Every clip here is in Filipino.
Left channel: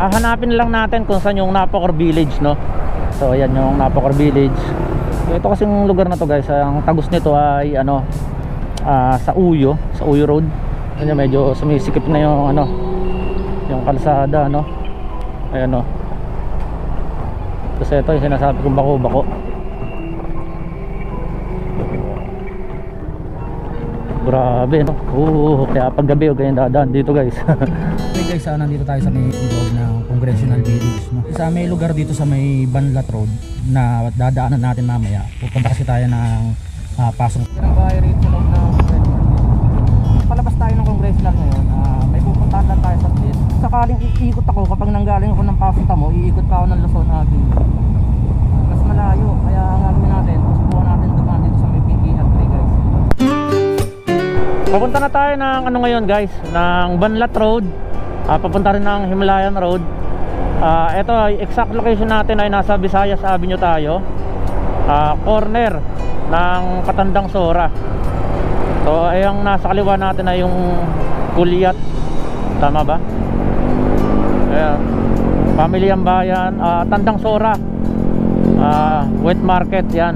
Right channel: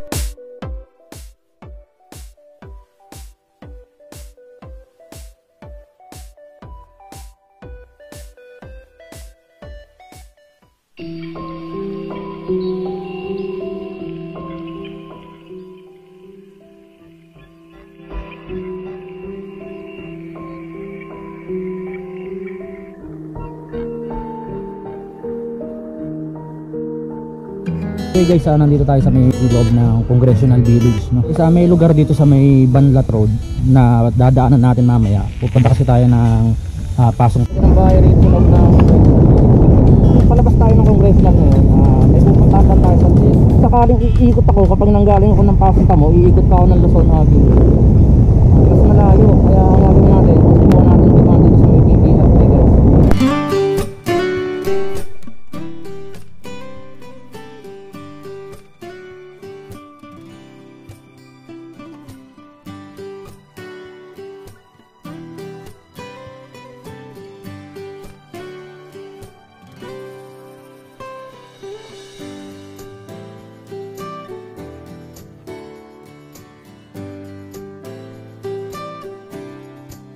Hanapin lang natin kung saan yung Napocor Village, no? So ayan yung Napocor Village. So ito kasing lugar na to guys, ang tagos nito ay ano, sa Uyo Road. Ano, medyo sumisikip na yung ano, yung kalsada, no? Ayan, no? Kasi ito yung sinasabi kong bako-bako. Grabe, no? Kaya paggabi o ganyan dadaan dito guys. Okay guys, nandito tayo sa may loob ng Congressional Village, no? Sa may lugar dito sa may Banlat Road na dadaanan natin mamaya. Pupunta kasi tayo ng pasong. Yan ang bahay rito sa loob ng palabas tayo ng Congressional ngayon. May pupuntahan lang tayo sa gate. Sakaling iikot ako kapag nanggaling ako ng Pasong Tamo, iikot pa ako ng Luzon Avenue. Mas malayo, kaya ang gagawin natin, susubukan natin dumaan dito sa may PPL3 guys. Papunta na tayo ng ano ngayon guys, ng Banlat Road. Papunta rin ng Himlayan Road. Ito, exact location natin ay nasa Visayas Avenue tayo. Corner ng Patandang Sora. So yung nasa kaliwa natin ay yung Kulyat. Tama ba? Ayan. Pamilyang Bayan, Tandang Sora, Wet Market, yan.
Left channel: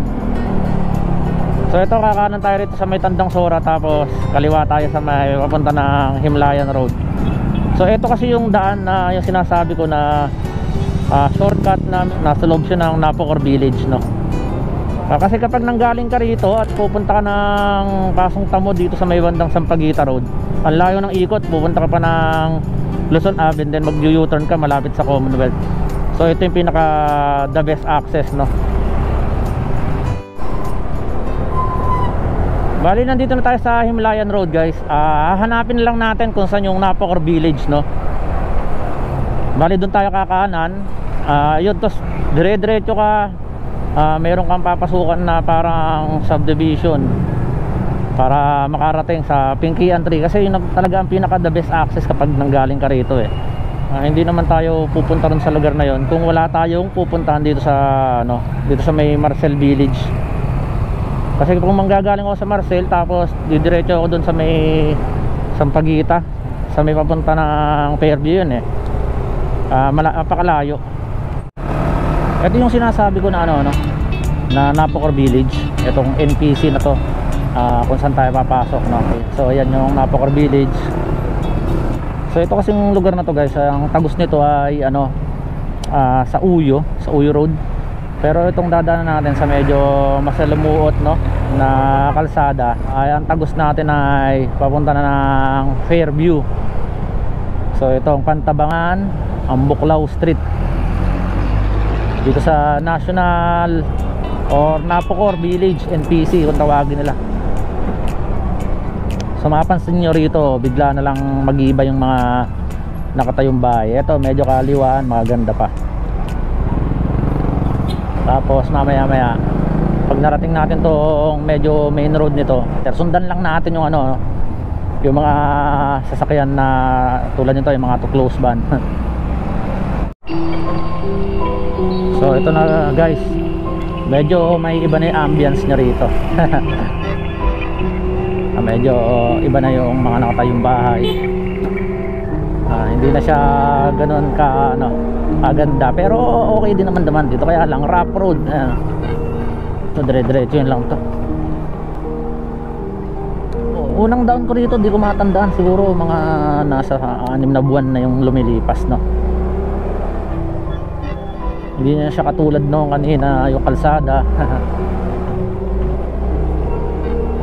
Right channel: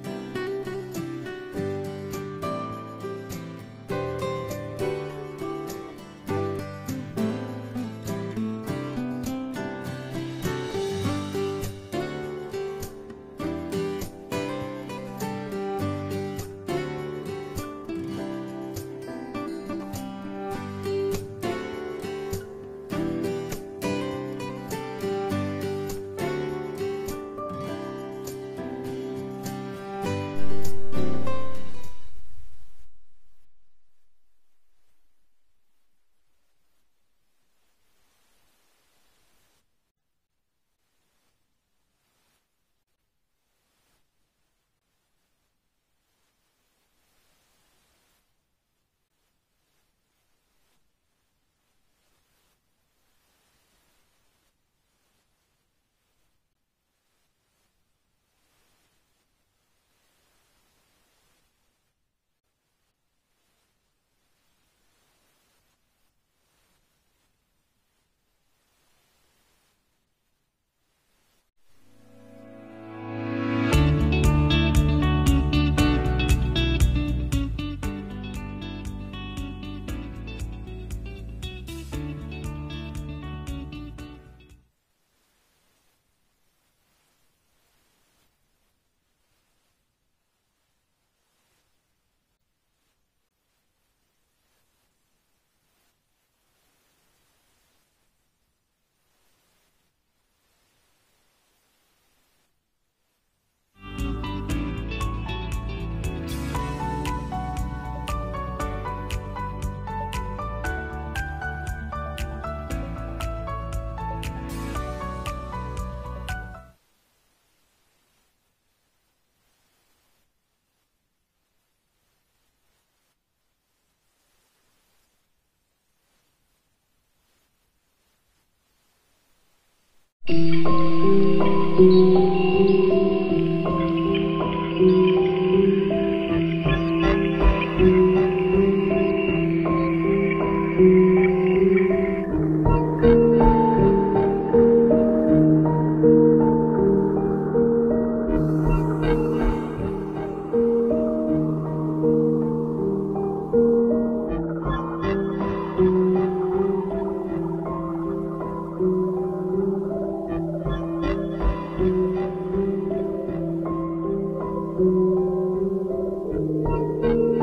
So ito, kakanan tayo rito sa may Tandang Sora, tapos kaliwa tayo sa may papunta ng Himlayan Road. So ito kasi yung daan na yung sinasabi ko na shortcut na nasa loob siya ng Napocor Village, no? Kasi kapag nanggaling ka rito at pupunta ka ng Pasong Tamo dito sa may bandang Sampaguita Road, ang layo ng ikot, pupunta ka pa ng Luzon Avenue, then mag-U-turn ka malapit sa Commonwealth. So ito yung pinaka the best access, no? Bali, nandito na tayo sa Himlayan Road guys. Hanapin lang natin kung saan yung Napocor Village, no? Bali, doon tayo kakanan. Yun, tos dire-diretso ka. Meron kang papasukan na parang subdivision para makarating sa Pinkian Tree. Kasi yun talaga ang pinaka the best access kapag nanggaling ka rito eh. Hindi naman tayo pupunta rin sa lugar na yon kung wala tayong pupuntahan dito sa ano, dito sa may Marcel Village. Kasi kung manggagaling ako sa Marcel tapos didiretso ako doon sa may Sampaguita, sa may papunta ng Fairview, yun eh. Napakalayo. Ito yung sinasabi ko na ano, na Napocor Village. Itong NPC na to, kung saan tayo papasok, no? So ayan yung Napocor Village. So ito kasing lugar na to guys, ang tagos nito ay ano, sa Uyo Road. Pero itong dadaanan natin sa medyo masalumuot, no, na kalsada, ay ang tagos natin ay papunta na ng Fairview. So itong Pantabangan, ang Buklaw Street, dito sa National or Napocor Village NPC kung tawagin nila. So mapapansin nyo rito, bigla na lang mag-iiba yung mga nakatayong bahay. Ito medyo kaliwaan, maganda pa. Tapos mamaya pag narating natin tong medyo main road nito, sundan lang natin yung ano, yung mga sasakyan na tulad nito, yung mga to close van. So ito na guys, medyo may iba na yung ambience nya rito. Medyo iba na yung mga nakatayong bahay. Hindi na siya ganoon ka ano, aganda, pero okay din naman dito, kaya lang rough road. Ito dire-diretso yun lang to. Unang down ko rito, di ko matandaan, siguro mga nasa 6 na buwan na yung lumilipas, no? Hindi na siya katulad noong kanina yung kalsada.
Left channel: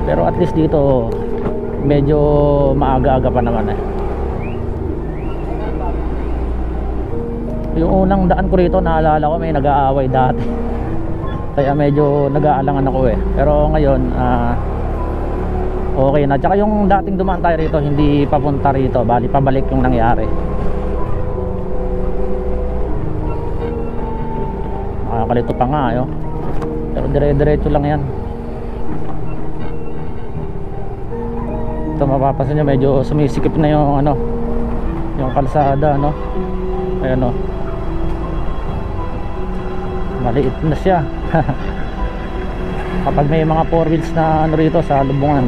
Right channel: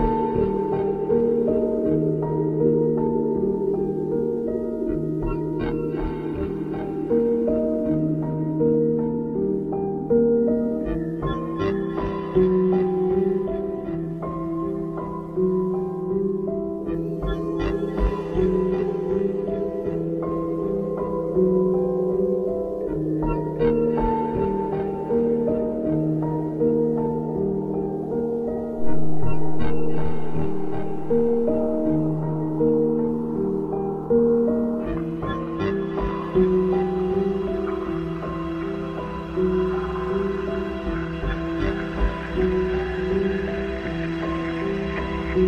Pero at least dito medyo maaga-aga pa naman eh. Yung unang daan ko rito, naalala ko may nag-aaway dati. Kaya medyo nag-aalangan ako eh. Pero ngayon okay na. Tsaka yung dating dumaan tayo rito, hindi papunta rito, bali pabalik yung nangyari. Kalito pa nga yun. Pero dire-diretso lang yan. Ito mapapansin nyo, medyo sumisikip na yung ano, yung kalsada, no? Ayan, no? Maliit na siya. Kapag may mga 4 wheels na ano rito sa lubungan,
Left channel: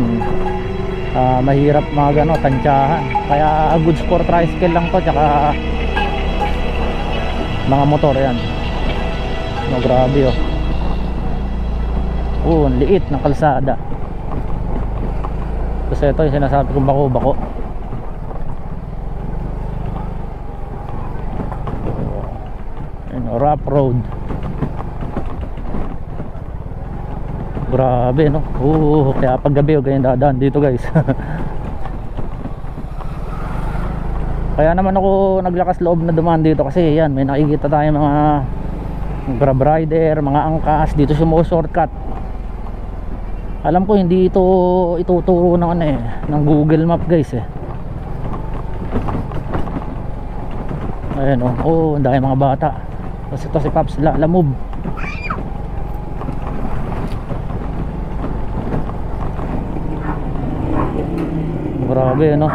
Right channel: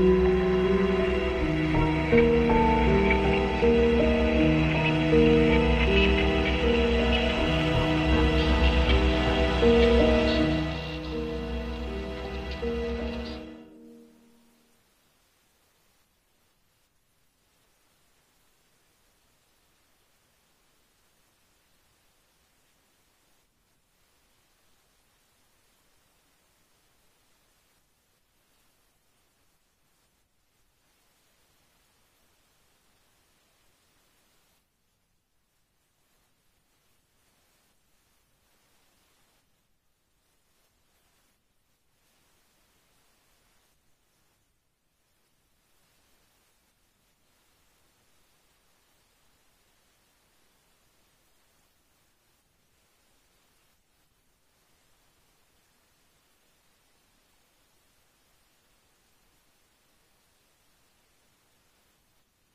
mahirap mga gano, tansyahan. Kaya goods for tricycle lang to, tsaka mga motor. Yan, grabe ang liit ng kalsada. Kasi ito yung sinasabi kong bako-bako. Rough road. Grabe no. Kaya pag gabi ganyan dadaan dito guys. Kaya naman ako naglakas loob na dumaan dito kasi yan, may nakikita tayo mga grab rider, mga angkas dito shortcut. Alam ko hindi ito ituturo ng ng Google Map guys Ayan ang dami mga bata. Tapos ito si Paps Lalamove. Grabe ayan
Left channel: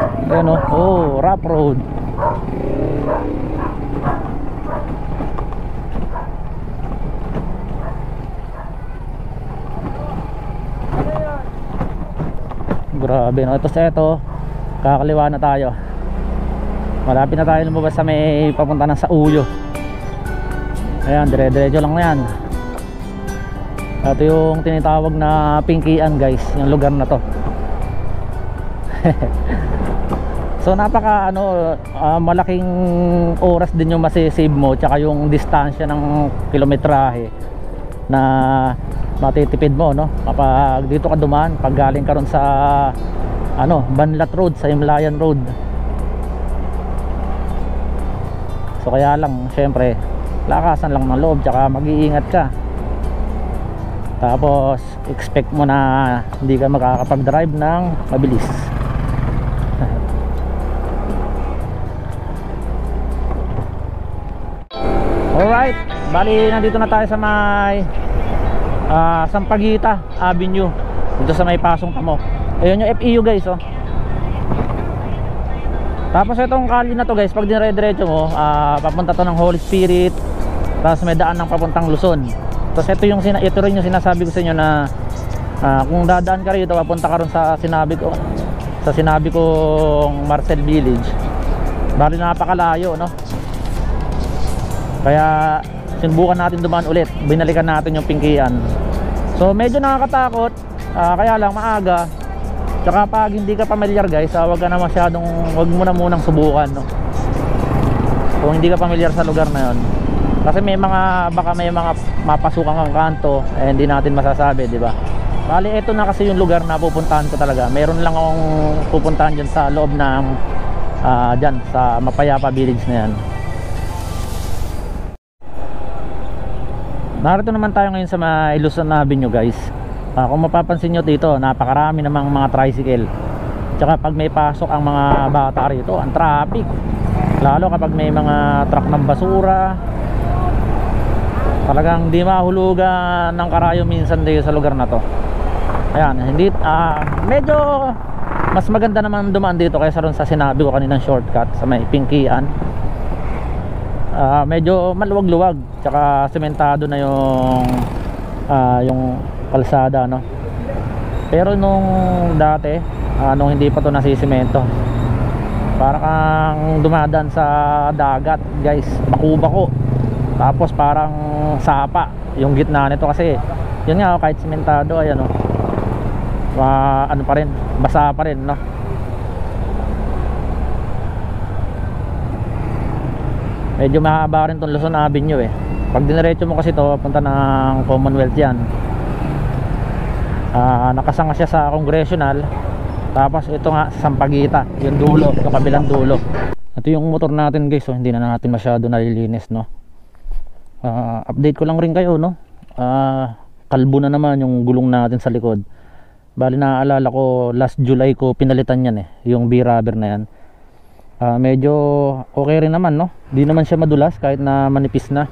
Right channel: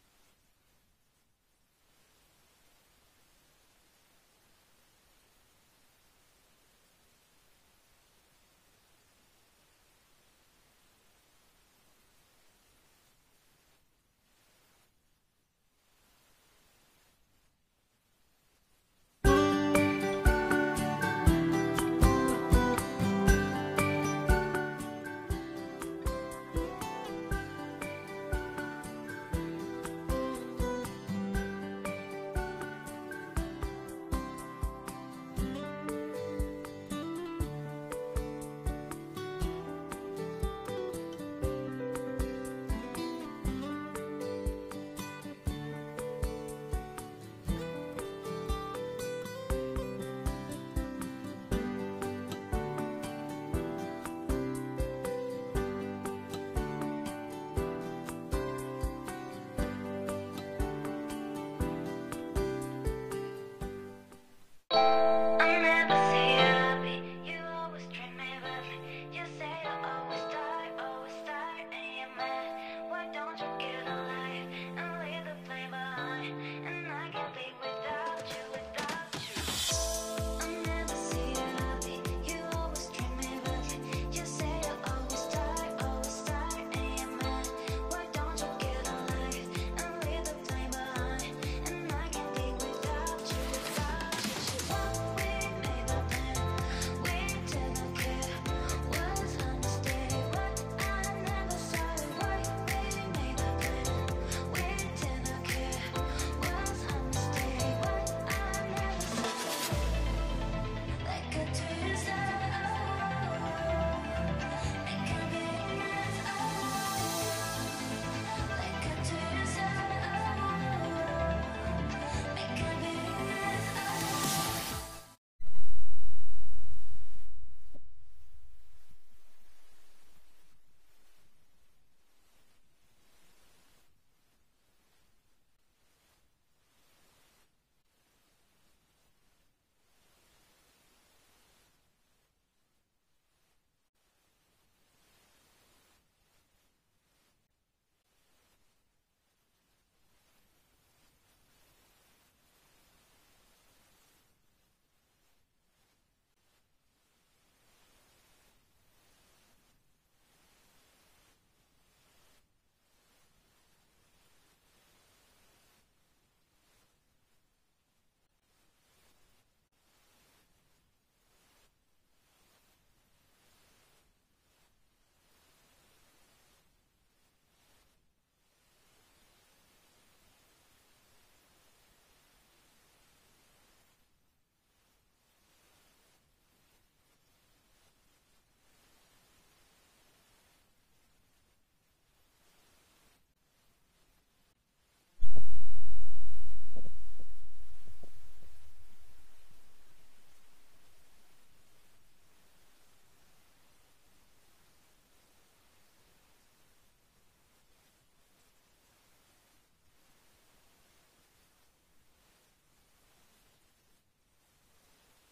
rough road. Grabe ito kakaliwa na tayo. Malapit na tayo lumabas sa may papunta ng Sauyo. Ayan, dire-diretso lang na yan. Ito yung tinatawag na Pinkian guys, yung lugar na to. So napaka malaking oras din yung masisave mo, tsaka yung distansya ng kilometrahe na matitipid mo kapag dito ka dumaan, pag galing ka ron sa Banlat Road, sa Himlayan Road. So kaya lang syempre lakasan lang ng loob, tsaka mag-iingat ka. Tapos expect mo na hindi ka makakapag-drive ng mabilis. Alright, bali nandito na tayo sa may Sampaguita Avenue, dito sa may Pasong Tamo. Ayun yung FEU guys Tapos itong kali na to guys, pag dire-diretso mo papunta to ng Holy Spirit, tapos may daan ng papuntang Luzon. Tapos ito rin yung sinasabi ko sa inyo na kung dadaan ka rito, papunta ka rin sa sinabi kong Marcel Village. Bali napakalayo Kaya sinubukan natin dumaan ulit, binalikan natin yung Pinkian. So medyo nakakatakot, kaya lang maaga. Tsaka pag hindi ka familiar guys, wag mo na munang subukan kung hindi ka familiar sa lugar na yon. Kasi baka may mga mapasukan kang kanto, hindi natin masasabi, di ba? Bali ito na kasi yung lugar na pupuntahan ko talaga. Meron lang akong pupuntahan dyan sa loob ng dyan sa Mapayapa Village na yan. Narito naman tayo ngayon sa may Luzon Avenue guys. Kung mapapansin nyo dito, napakarami namang mga tricycle. Tsaka pag may pasok ang mga bata rito, ang traffic. Lalo kapag may mga truck ng basura, talagang di mahulugan ng karayo minsan dito sa lugar na to. Ayan, medyo mas maganda naman dumaan dito kaysa ron sa sinabi ko kaninang shortcut sa may Pinkian. Medyo maluwag-luwag, tsaka sementado na yung kalsada Pero nung dati, nung hindi pa to nasisemento, parang kang dumadaan sa dagat guys, bako-bako. Tapos parang sapa yung gitna nito kasi yun nga kahit sementado ayan pa rin, basa pa rin Medyo mahaba rin tong Luzon Avenue Pag diniretso mo kasi to punta ng Commonwealth yan. Nakasanga siya sa Congressional. Tapos ito nga Sampaguita, yung dulo, yung kabilang dulo. Ito yung motor natin guys, hindi na natin masyado nalilinis update ko lang rin kayo kalbo na naman yung gulong natin sa likod. Bali naaalala ko last July ko pinalitan yan yung B-rubber na yan. Medyo okay rin naman di naman siya madulas kahit na manipis na.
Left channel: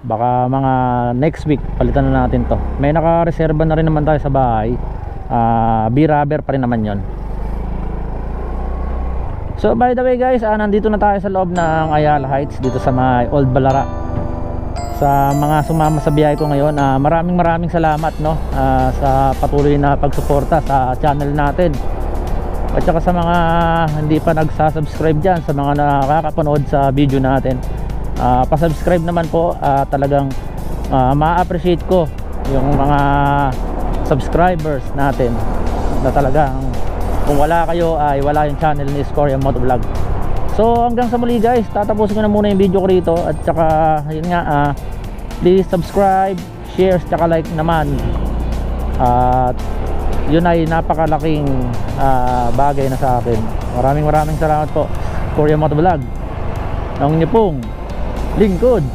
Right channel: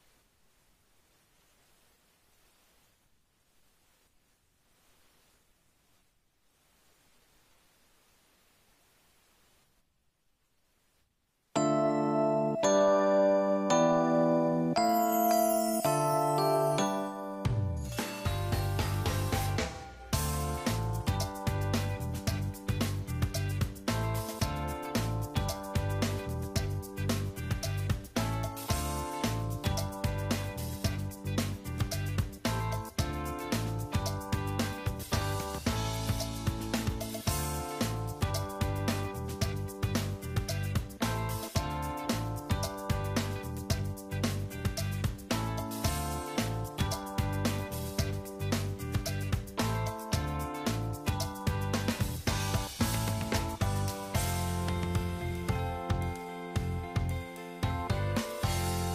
Baka mga next week palitan na natin to. May nakareserba na rin naman tayo sa bahay. B-rubber pa rin naman yon. So by the way guys, nandito na tayo sa loob ng Ayala Heights, dito sa may Old Balara. Sa mga sumama sa biyahe ko ngayon, maraming salamat sa patuloy na pagsuporta sa channel natin. At saka sa mga hindi pa nagsasubscribe dyan, sa mga nakakapanood sa video natin, pasubscribe naman po. Talagang ma-appreciate ko yung mga subscribers natin na talagang kung wala kayo ay wala yung channel ni Scorya Motovlog. So hanggang sa muli guys, tatapusin ko na muna yung video ko rito. At saka yun nga, please subscribe, share, tsaka like naman. At yun ay napakalaking bagay na sa akin. Maraming salamat po, Scorya Motovlog, ng inyong pong lingkod.